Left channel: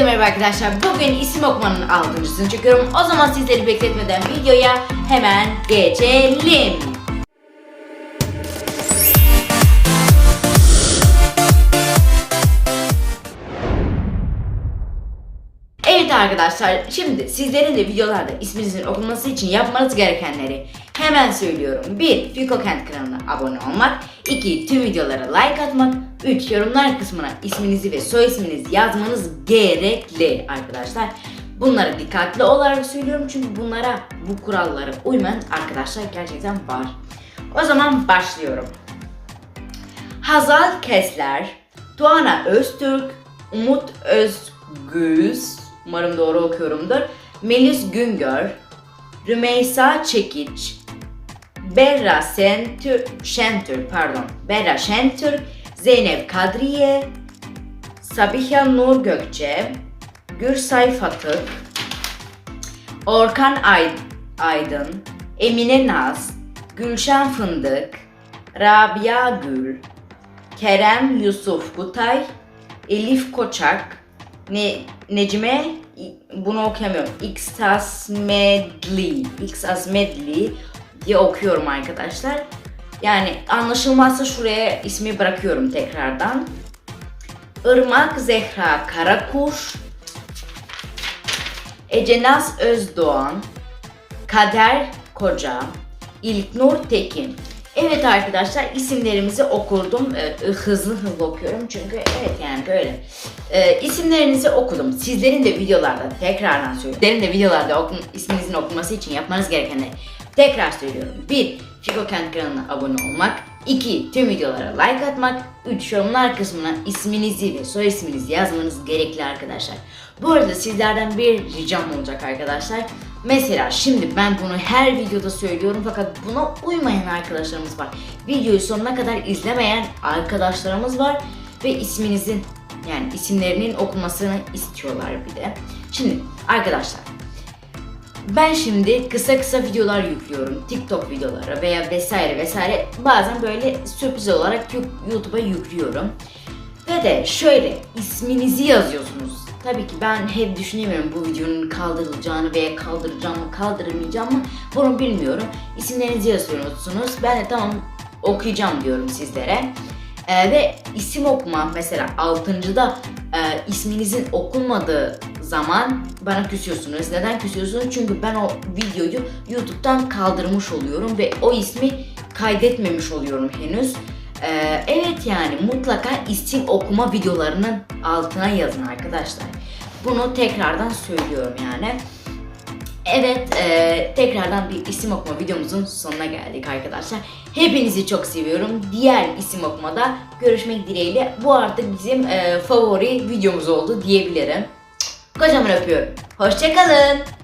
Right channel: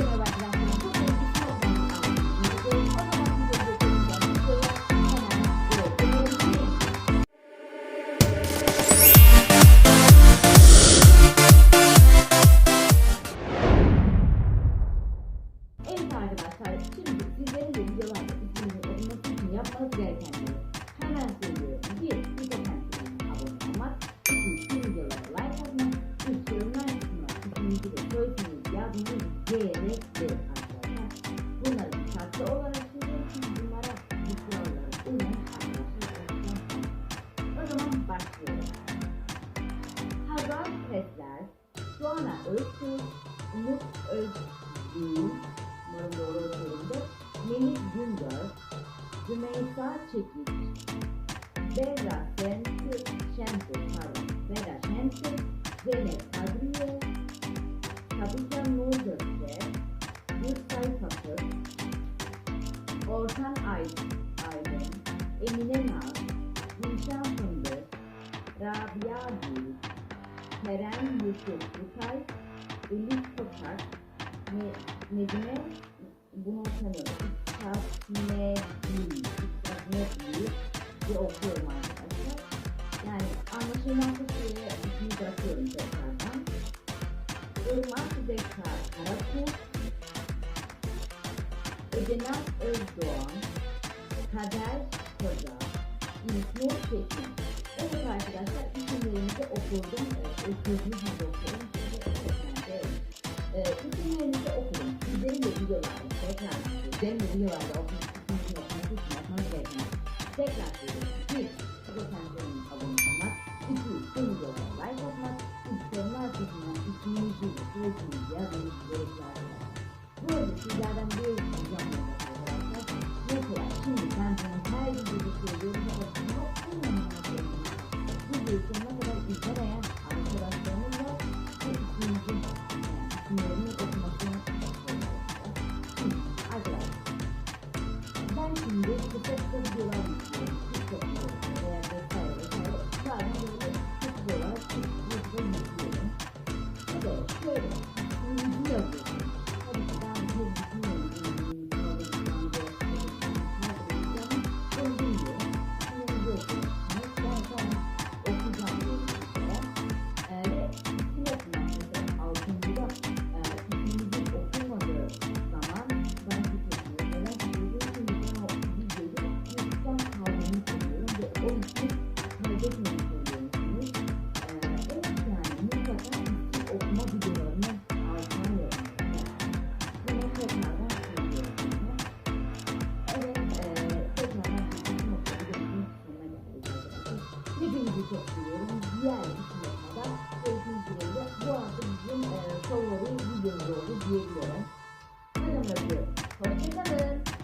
Herkese merhaba arkadaşlar. Bugün isim okumanın altıncısını çekiyorum. O zaman sizleri bekletmeden videoya hemen geçelim. Arkadaşlar, şimdi sizlerin de videolarda isminizin okunması için yapmanız gerekenleri hemen söylüyorum. 1. Fiko Kent kanalına abone olmak. 2. Tüm videolara like atmak. 3. Yorumlar kısmına isminizi ve soy isminizi yazmanız gerekli arkadaşlar. Bunları dikkatli olarak söylüyorum çünkü bunlara, bu kurallara uymayan arkadaşlar gerçekten var. O zaman başlıyorum. Hazal Kesler, Tuana Öztürk, Umut Özgüz, umarım doğru okuyorumdur, Melis Güngör, Rümeysa Çekiç, Berra Şentür, Şentür pardon, Berra Şentür, Zeynep Kadriye, Sabiha Nur Gökçe, Gürsay Fatık, Orkan Ay- Aydın, Emine Naz, Gülşen Fındık, Rabia Gül, Kerem Yusuf Kutay, Elif Koçak, ne, Necime, bunu okuyamıyorum. Xtas Medli, Xtas Medli diye okuyorum arkadaşlar. Yani anlaşılmazsa şuraya ismi bırakıyorum tekrardan. Irmak Zehra Karakuş, Ecenaz Özdoğan, Kader Koca, İlknur Tekin. Evet arkadaşlar isimlerimizi okurdum. Ee, hızlı hızlı okuyorum çünkü evet yani böyle. Ee, isimlerinizi okudum. Sizlerin de videolarda tekrardan söylüyorum. Sizlerin de videolarda okun, isminizin okunması için yapmanız gerekenleri tekrar söylüyorum. 1. Fiko Kent kanalına abone olmak. 2. Tüm videolara like atmak. 3. Yorumlar kısmına isminizi ve soy isminizi yazmanız gerekli arkadaşlar. Bu arada sizlerden bir ricam olacak arkadaşlar. Mesela şimdi ben bunu her videoda söylüyorum fakat buna uymayan arkadaşlarımız var. Videoyu sonuna kadar izlemeyen arkadaşlarımız var ve isminizin yani isimlerinin okunmasını istiyorlar bir de. Şimdi arkadaşlar ben şimdi kısa kısa videolar yüklüyorum. TikTok videoları veya vesaire vesaire. Bazen böyle sürpriz olarak YouTube'a yüklüyorum. Ve de şöyle isminizi yazıyorsunuz. Tabii ki ben hep düşünemiyorum bu videonun kaldırılacağını veya kaldıracağım mı kaldırılmayacağım mı bunu bilmiyorum. İsimlerinizi yazıyorsunuz. Ben de tamam okuyacağım diyorum sizlere. Ee, ve isim okuma mesela altıncıda e, isminizin okunmadığı zaman bana küsüyorsunuz. Neden küsüyorsunuz? Çünkü ben o videoyu YouTube'dan kaldırmış oluyorum ve o ismi kaydetmemiş oluyorum henüz. Ee, evet yani mutlaka isim okuma videolarının altına yazın arkadaşlar. Bunu tekrardan söylüyorum yani. Evet, e, tekrardan bir isim okuma videomuzun sonuna geldik arkadaşlar. Hepinizi çok seviyorum. Diğer isim okumada görüşmek dileğiyle. Bu artık bizim e, favori videomuz oldu diyebilirim. Kocaman öpüyorum. Hoşçakalın.